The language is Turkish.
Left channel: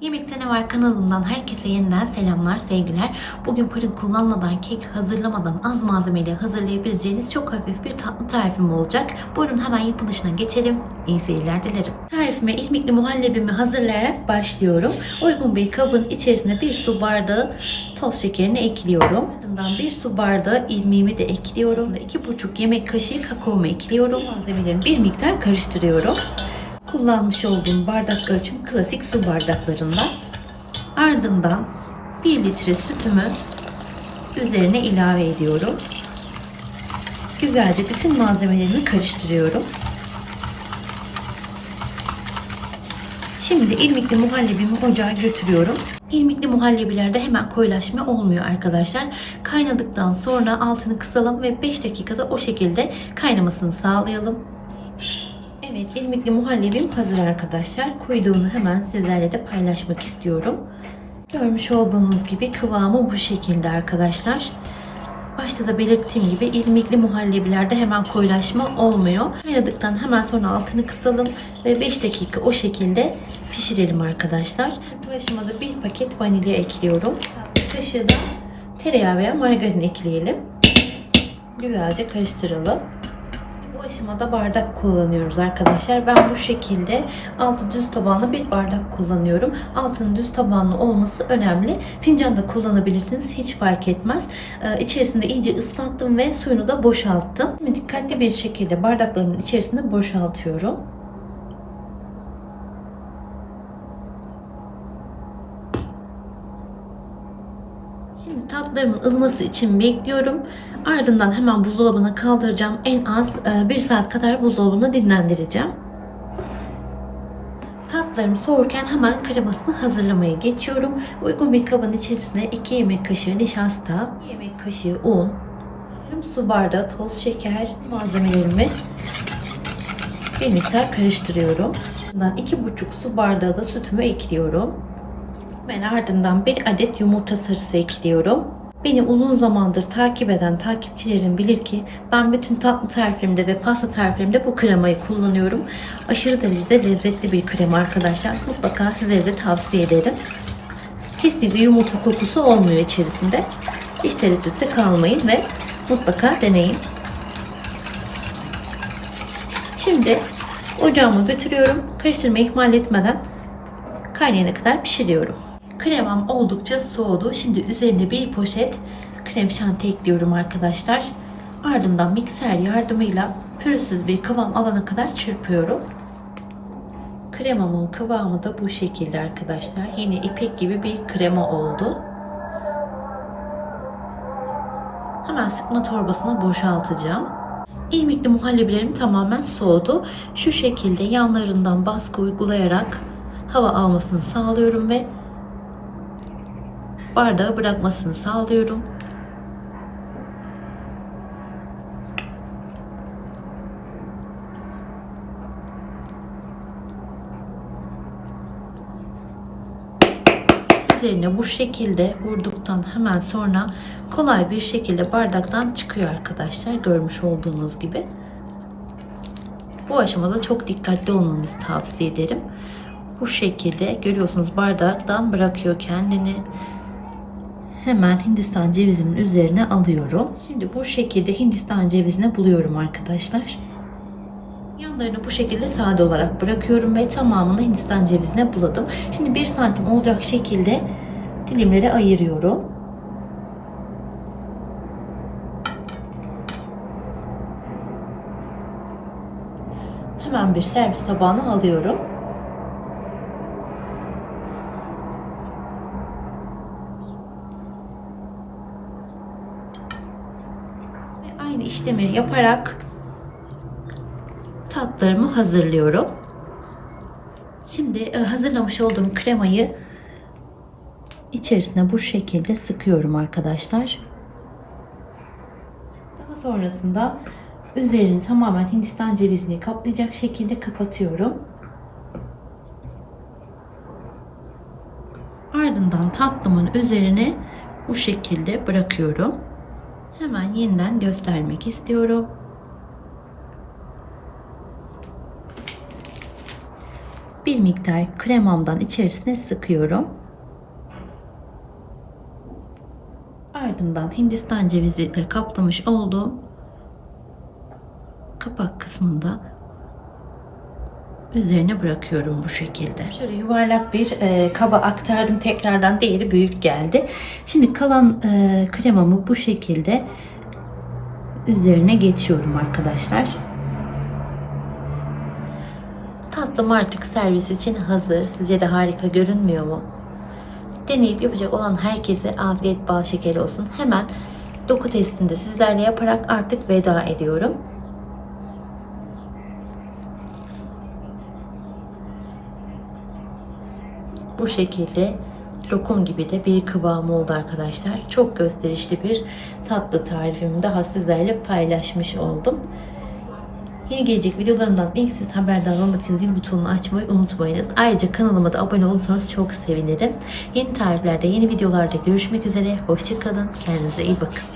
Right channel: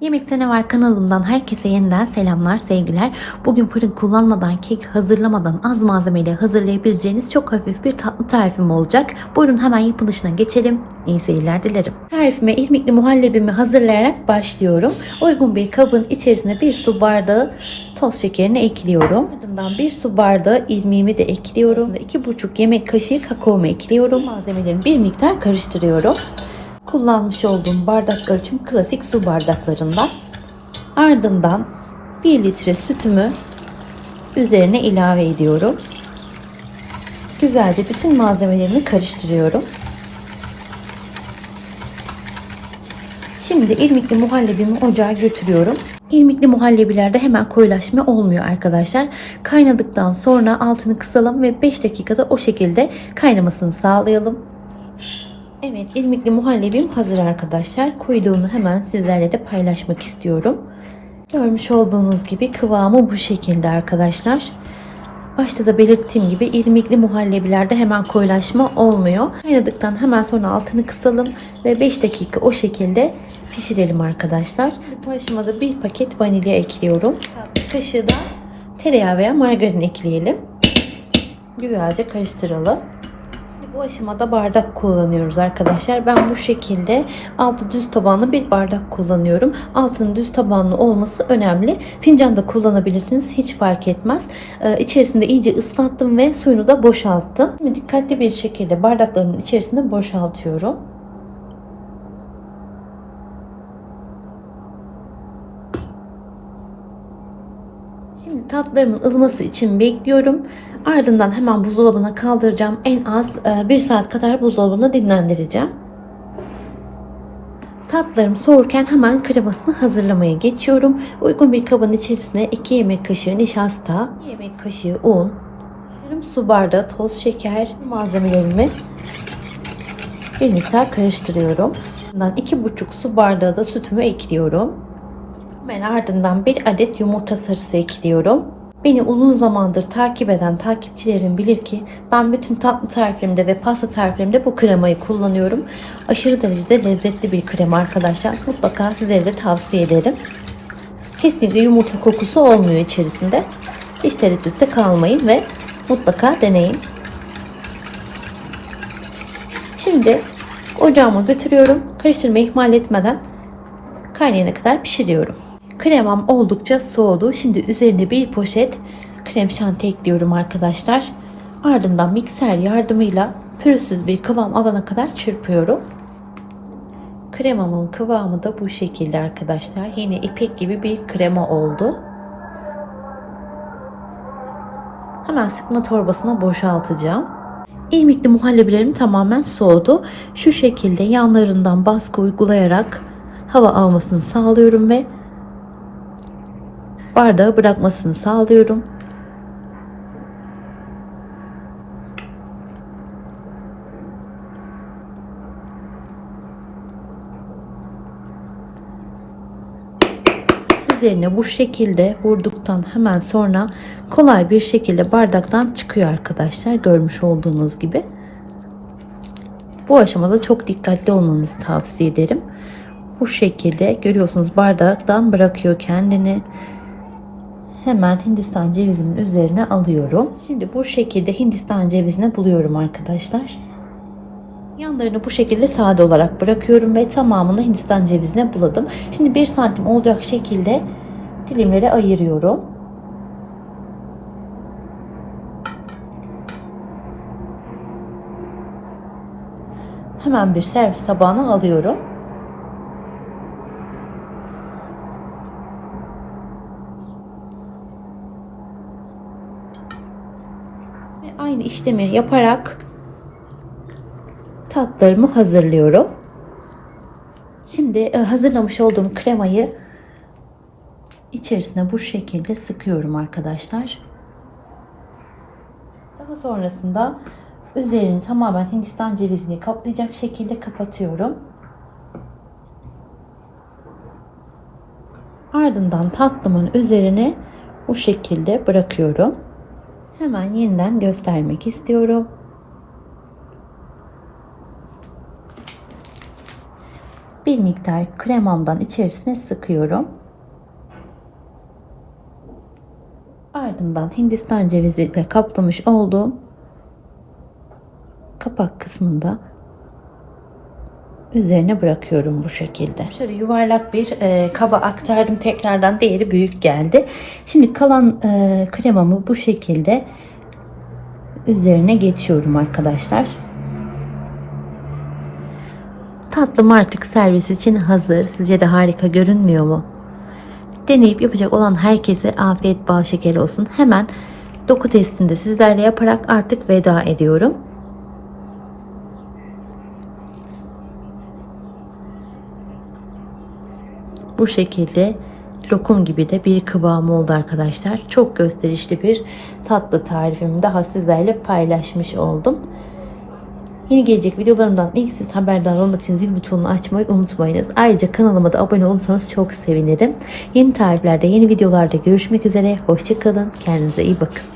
Yemekte ne var kanalımdan herkese yeniden selamlar, sevgiler. Bugün fırın kullanmadan, kek hazırlamadan az malzemeyle hazırlayabileceğiniz çok hafif bir tatlı tarifim olacak. Buyurun hemen yapılışına geçelim. İyi seyirler dilerim. Tarifime irmikli muhallebimi hazırlayarak başlıyorum. Uygun bir kabın içerisine bir su bardağı toz şekerini ekliyorum. Ardından bir su bardağı irmiğimi de ekliyorum. 2,5 yemek kaşığı kakaomu ekliyorum. Malzemelerimi bir miktar karıştırıyorum kullanmış olduğum bardaklar için klasik su bardaklarından. Ardından 1 litre sütümü üzerine ilave ediyorum. Güzelce bütün malzemelerimi karıştırıyorum. Şimdi irmikli muhallebimi ocağa götürüyorum. İrmikli muhallebilerde hemen koyulaşma olmuyor arkadaşlar. Kaynadıktan sonra altını kısalım ve 5 dakikada o şekilde kaynamasını sağlayalım. Evet, irmikli muhallebim hazır arkadaşlar. Koyduğunu hemen sizlerle de paylaşmak istiyorum. Görmüş olduğunuz gibi kıvamı bu şekilde arkadaşlar. Başta da belirttiğim gibi irmikli muhallebilerde hemen koyulaşma olmuyor. Kaynadıktan hemen sonra altını kısalım ve 5 dakika o şekilde pişirelim arkadaşlar. Bu aşamada bir paket vanilya ekliyorum. Kaşığı da tereyağı veya margarin ekleyelim. Güzelce karıştıralım. Bu aşamada bardak kullanıyoruz arkadaşlar. Ben bu şekilde altı düz tabanlı bir bardak kullanıyorum. Altının düz tabanlı olması önemli. Fincan da kullanabilirsiniz. Hiç fark etmez. Ee, içerisinde iyice ıslattım ve suyunu da boşalttım. Şimdi dikkatli bir şekilde bardaklarımın içerisinde boşaltıyorum. Şimdi tatlarımın ılıması için bekliyorum. Ardından hemen buzdolabına kaldıracağım. En az 1 saat kadar buzdolabında dinlendireceğim. Tatlarım soğurken hemen kremasını hazırlamaya geçiyorum. Uygun bir kabın içerisine 2 yemek kaşığı nişasta, 1 yemek kaşığı un, yarım su bardağı toz şeker malzemelerimi bir miktar karıştırıyorum. Ardından 2,5 su bardağı da sütümü ekliyorum. Ben ardından bir adet yumurta sarısı ekliyorum. Beni uzun zamandır takip eden takipçilerim bilir ki ben bütün tatlı tariflerimde ve pasta tariflerimde bu kremayı kullanıyorum. Aşırı derecede lezzetli bir krema arkadaşlar. Mutlaka sizlere de tavsiye ederim. Kesinlikle yumurta kokusu olmuyor içerisinde. Hiç tereddütte kalmayın ve mutlaka deneyin. Şimdi ocağıma götürüyorum. Karıştırmayı ihmal etmeden kaynayana kadar pişiriyorum. Kremam oldukça soğudu. Şimdi üzerine bir poşet krem şanti ekliyorum arkadaşlar. Ardından mikser yardımıyla pürüzsüz bir kıvam alana kadar çırpıyorum. Kremamın kıvamı da bu şekilde arkadaşlar. Yine ipek gibi bir krema oldu. Hemen sıkma torbasına boşaltacağım. İrmikli muhallebilerim tamamen soğudu. Şu şekilde yanlarından baskı uygulayarak hava almasını sağlıyorum ve bardağı bırakmasını sağlıyorum. Üzerine bu şekilde vurduktan hemen sonra kolay bir şekilde bardaktan çıkıyor arkadaşlar. Görmüş olduğunuz gibi. Bu aşamada çok dikkatli olmanızı tavsiye ederim. Bu şekilde görüyorsunuz bardaktan bırakıyor kendini. Hemen Hindistan cevizimin üzerine alıyorum. Şimdi bu şekilde Hindistan cevizine buluyorum arkadaşlar. Yanlarını bu şekilde sade olarak bırakıyorum ve tamamını Hindistan cevizine buladım. Şimdi 1 santim olacak şekilde dilimlere ayırıyorum. Hemen bir servis tabağına alıyorum. Ve aynı işlemi yaparak tatlarımı hazırlıyorum. Şimdi e, hazırlamış olduğum kremayı içerisine bu şekilde sıkıyorum arkadaşlar. Daha sonrasında üzerini tamamen Hindistan cevizini kaplayacak şekilde kapatıyorum. Ardından tatlımın üzerine bu şekilde bırakıyorum. Hemen yeniden göstermek istiyorum. bir miktar kremamdan içerisine sıkıyorum. Ardından Hindistan cevizi ile kaplamış olduğum kapak kısmında üzerine bırakıyorum bu şekilde. Şöyle yuvarlak bir e, kaba aktardım tekrardan değeri büyük geldi. Şimdi kalan e, kremamı bu şekilde üzerine geçiyorum arkadaşlar. Tatlım artık servis için hazır. Sizce de harika görünmüyor mu? Deneyip yapacak olan herkese afiyet bal şeker olsun. Hemen doku testini de sizlerle yaparak artık veda ediyorum. Bu şekilde lokum gibi de bir kıvamı oldu arkadaşlar. Çok gösterişli bir tatlı tarifimi daha sizlerle paylaşmış oldum. Yeni gelecek videolarımdan ilk siz haberdar olmak için zil butonunu açmayı unutmayınız. Ayrıca kanalıma da abone olursanız çok sevinirim. Yeni tariflerde, yeni videolarda görüşmek üzere. Hoşçakalın. Kendinize iyi bakın.